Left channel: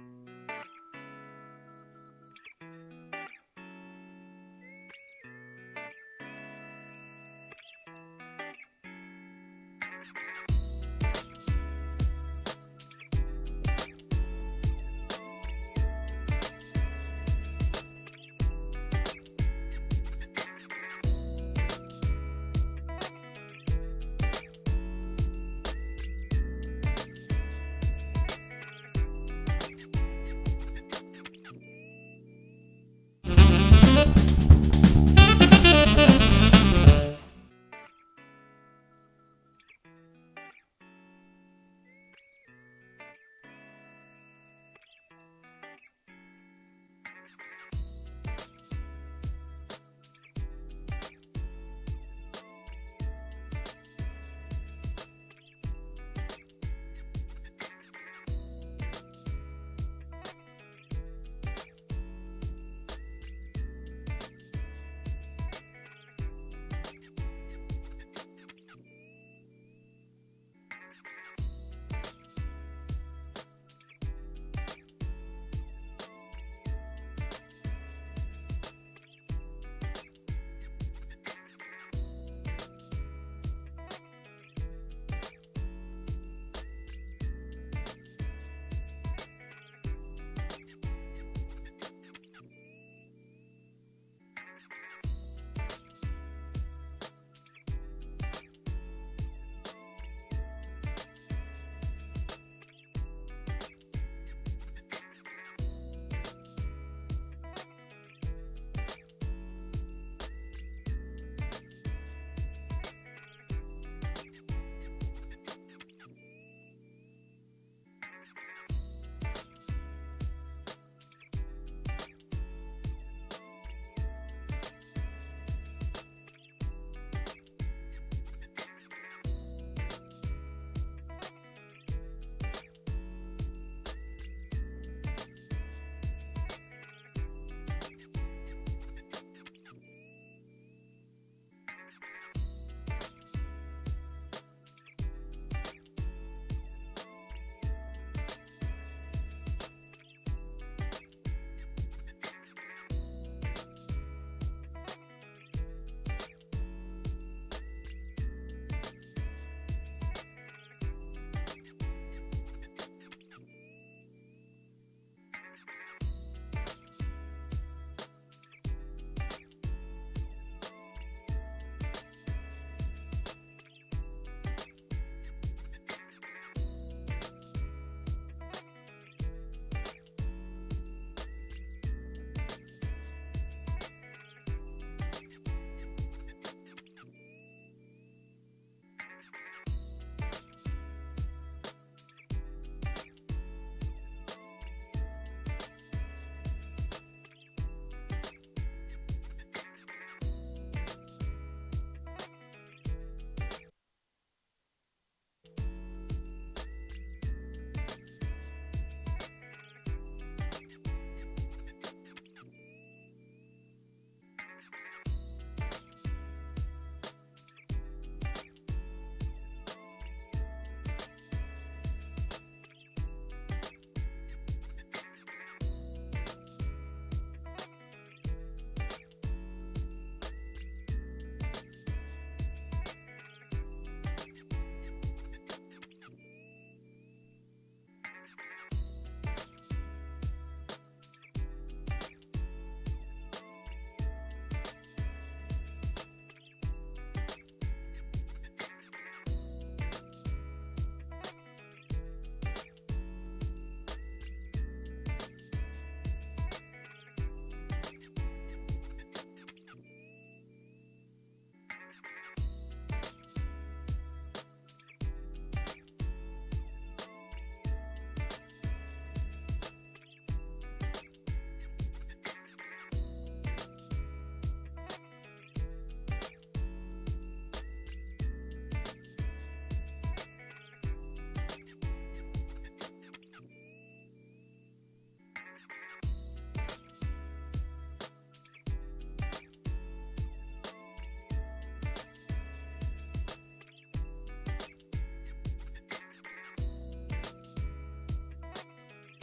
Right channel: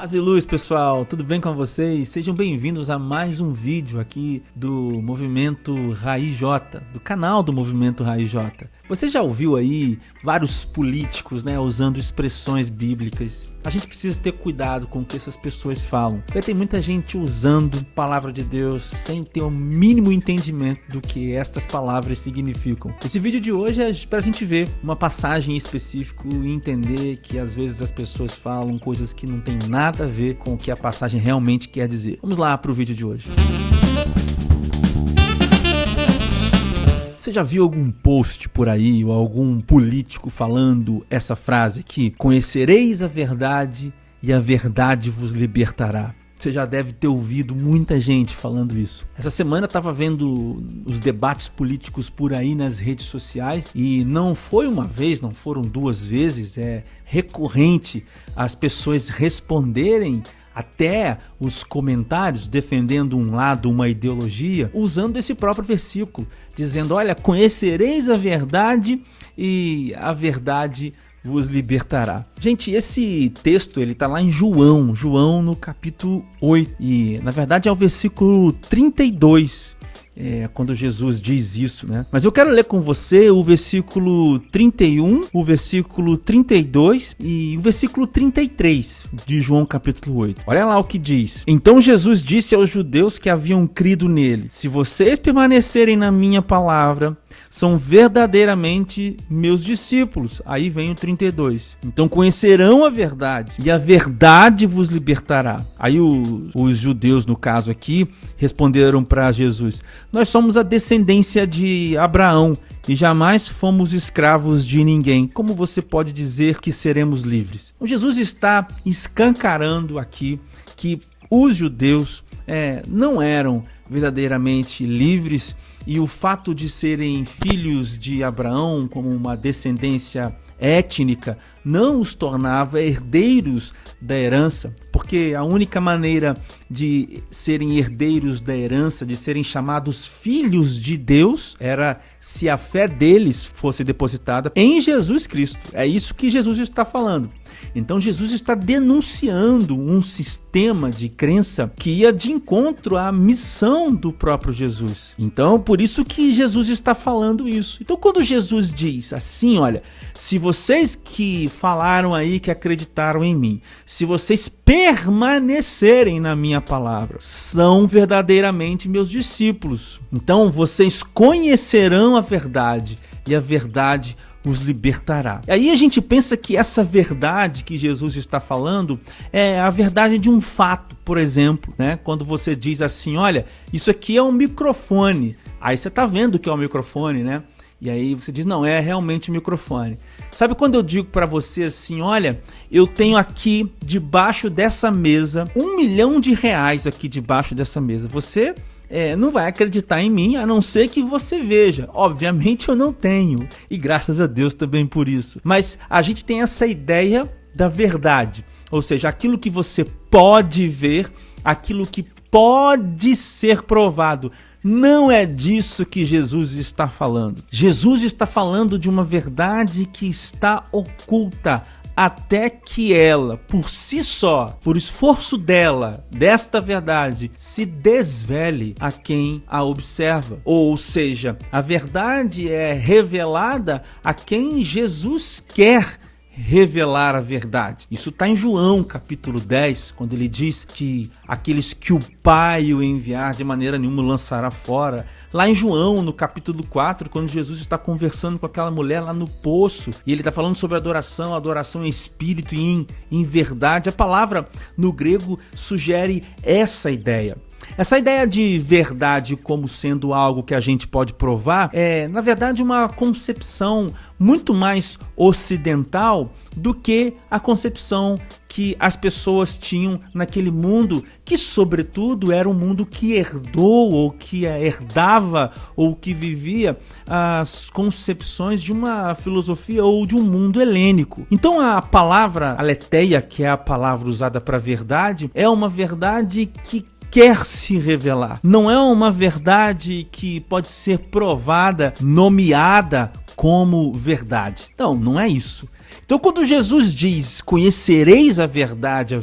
Paz e luz, pessoal, tudo bem com vocês? Sejam bem-vindos a mais um vídeo aqui do Movimento Raiz J, do canal do Movimento Raiz J. Você já ouviu aí vários políticos, usando expressões bíblicas? A gente precisa ter cuidado com o que essas pessoas falam, porque tem muita gente usando a palavra de Deus sem ter o mínimo entendimento do que estas palavras significam. Esse vídeo de hoje é para a gente ver uma passagem específica e entender que às vezes as pessoas falam coisas que não tem nada a ver com o que a passagem realmente quer dizer. Vamos lá para o vídeo de hoje. Você já viu algum post por aí ou algum político falando essa frase aqui? Conhecereis a verdade e a verdade vos libertará. Você já deve ter ouvido muita gente falando isso. Essa semana eu estava vendo os debates políticos por aí nas redes sociais e não foi uma vez, não foram duas vezes, é recorrente as pessoas responderem até os comentários defendendo um lado, uma ideologia, usando esse próprio versículo, dizendo, olha, conhecereis a verdade e a verdade vos libertará. Gente, esse texto ele tá lá em João no capítulo 8 e na verdade é o versículo 32, quando Jesus diz isso, Mas eu quero ler com você o versículo 31, o versículo 32 e o versículo 33 de João capítulo 8. Olha lá o que diz. Então Jesus disse aos judeus que haviam crido nele, se vocês permanecerem na minha palavra, são verdadeiramente meus discípulos. Aí vem o 32. Então conhecerão a verdade e a verdade vos libertará. Aí os judeus, no caso aqui, responderam para Jesus, nós somos a descendência de Abraão e jamais fomos escravos de ninguém. Como você pode dizer que seremos livres? O Jesus está escancarando aqui que os judeus não eram verdadeiramente livres e o fato de serem filhos de Abraão como uma descendência étnica não os tornava herdeiros da herança, porque a única maneira de serem herdeiros da herança, de serem chamados filhos de Deus, era se a fé deles fosse depositada em Jesus Cristo. É isso que Jesus está falando. Então Jesus está denunciando um sistema de crença que ia de encontro à missão do próprio Jesus. Então por isso que Jesus está falando isso. Então quando Jesus diz assim, olha, se vocês que falaram aí, que acreditaram em mim, se vocês permanecerem na minha palavra, são verdadeiramente meus discípulos. Então vocês conhecerão a verdade e a verdade os libertará. E aí a gente pensa que essa verdade que Jesus está falando é a verdade de um fato, por exemplo, Quando você diz assim, olha, isso aqui é um microfone. Aí você está vendo que é um microfone, E aí você diz, não, é realmente um microfone. Sabe quando eu digo para você assim, olha, eu tenho aqui debaixo dessa mesa R$1 milhão aqui debaixo dessa mesa. Você não vai acreditar em mim, a não ser que você veja. Obviamente eu não tenho, e graças a Deus também por isso. Mas a gente tem essa ideia da verdade, ou seja, aquilo que você pode ver, aquilo que pode ser provado. Não é disso que Jesus está falando. Jesus está falando de uma verdade que está oculta, até que ela, por si só, por esforço dela, desta verdade, se desvele a quem a observa. Ou seja, a verdade é revelada a quem Jesus quer revelar a verdade. Isso está em João capítulo 10, quando ele diz que aqueles que o Pai o enviar de maneira nenhuma lançará fora. Lá em João, no capítulo 4, quando Jesus está conversando com aquela mulher lá no poço, e ele está falando sobre adoração em espírito e em verdade, a palavra no grego sugere essa ideia. Essa ideia de verdade como sendo algo que a gente pode provar é, na verdade, uma concepção muito mais ocidental do que a concepção que as pessoas tinham naquele mundo, que sobretudo era um mundo que herdou ou que herdava ou que vivia as concepções de uma filosofia ou de um mundo helênico. Então a palavra aletheia, que é a palavra usada para verdade, é uma verdade que quer se revelar. Não é uma verdade que pode ser provada, nomeada como verdade. Não é isso. Então, quando Jesus diz, conhecereis a verdade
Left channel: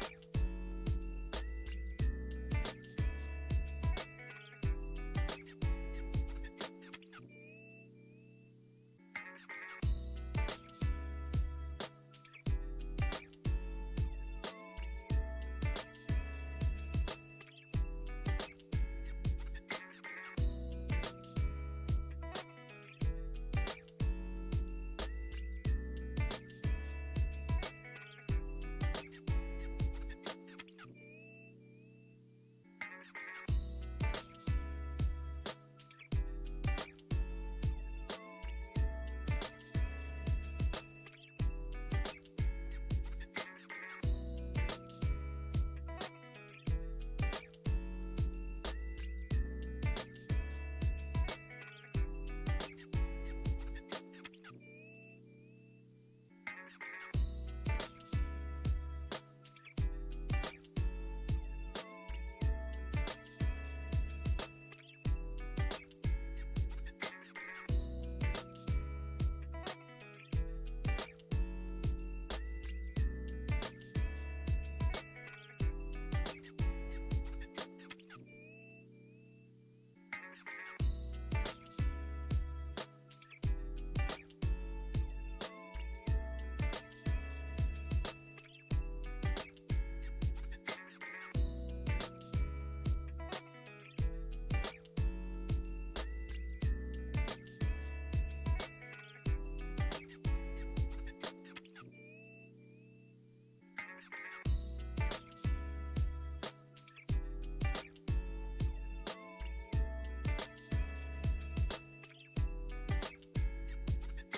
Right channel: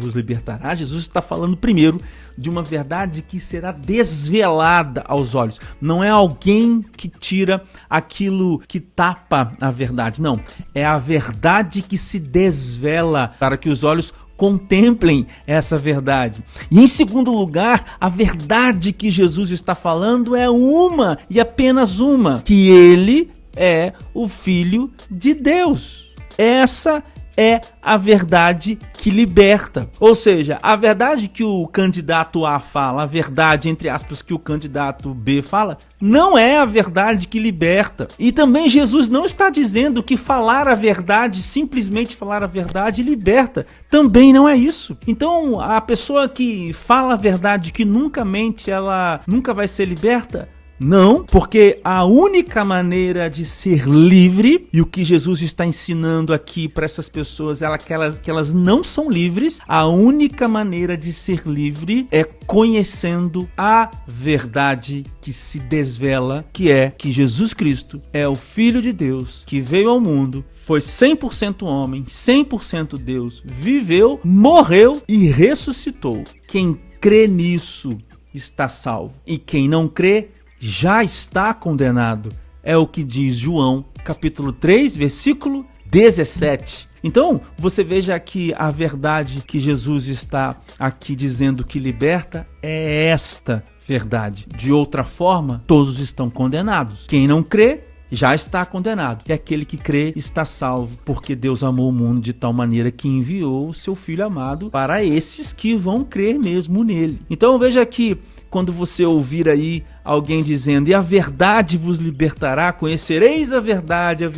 vos libertará, Jesus está falando primeiro de uma verdade que será desvelada aos olhos. Não é alguém que tira aquilo que tapa a verdade, não. É a verdade que se desvela para que os olhos contemplem essa verdade. E em segundo lugar, a verdade que Jesus está falando é uma e apenas uma, que ele é o Filho de Deus. Essa é a verdade que liberta. Ou seja, a verdade que o candidato A fala, a verdade, entre aspas, que o candidato B fala, não é a verdade que liberta. E também Jesus não está dizendo que falar a verdade, simplesmente falar a verdade, liberta. Também não é isso. Então, a pessoa que fala a verdade que nunca mente, ela nunca vai ser liberta? Não, porque a única maneira de ser livre, e o que Jesus está ensinando aqui para essas pessoas é que elas não são livres, a única maneira de ser livre é conhecendo a verdade que se desvela, que é que Jesus Cristo é o Filho de Deus, que veio ao mundo, foi 100% homem, 100% Deus, viveu, morreu e ressuscitou. Quem crê nisso está salvo, e quem não crê já está condenado. É o que diz João, capítulo 3, versículo 17. Então, você veja que a verdade que Jesus está aqui dizendo que liberta é esta verdade. De outra forma, todos estão condenados. Quem não crê já está condenado. E aquele que crê está salvo, porque Deus amou o mundo de tal maneira que enviou o seu Filho amado para esses que vão crer mesmo nele. Então, veja que quando você ouvir aí alguém dizendo, e a verdade vos libertará, conhecereis a verdade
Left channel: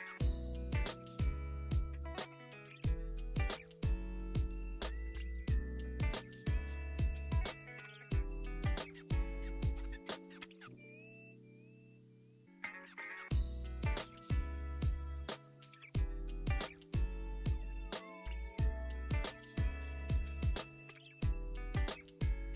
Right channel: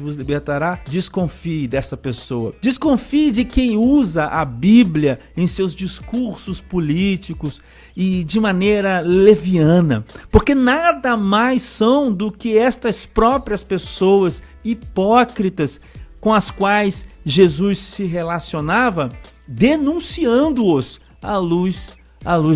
vos libertará, desconfie dessa pessoa. Desconfie de quem usa a Bíblia em seus discursos políticos e de maneira leviana, porque nada mais são do que estas próprias pessoas hipócritas com as quais Jesus se relacionava, denunciando-os à luz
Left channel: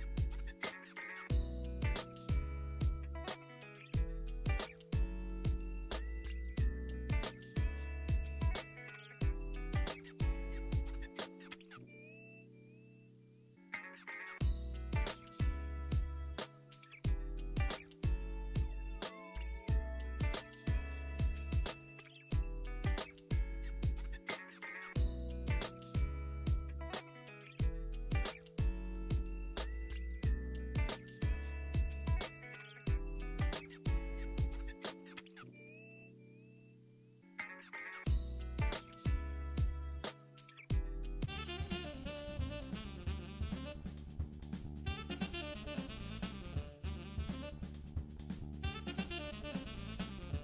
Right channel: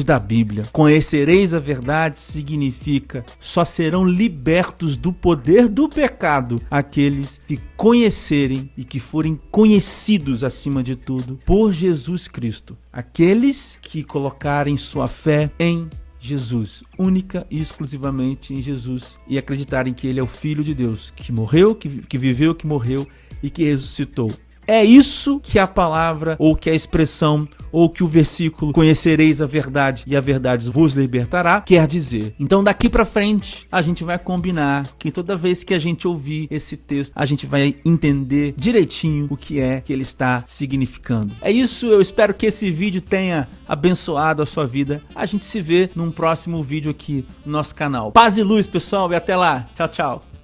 da Bíblia. Conhecereis a verdade significa só serão libertos do poder do pecado aqueles que conhecerem e que forem conhecidos acima de tudo por Jesus Cristo. Aqueles que colocarem sua fé em Jesus, única e exclusivamente em Jesus, e acreditarem que ele é o Filho de Deus, que morreu, que viveu, que morreu e que ressuscitou. É isso que a palavra, ou que a expressão, ou que o versículo conhecereis a verdade e a verdade vos libertará quer dizer. Então daqui pra frente a gente vai combinar que toda vez que a gente ouvir esse texto, a gente vai entender direitinho o que é que ele está significando. É isso, eu espero que esse vídeo tenha abençoado a sua vida. A gente se vê num próximo vídeo aqui no nosso canal. Paz e luz, pessoal, e até lá. Tchau, tchau.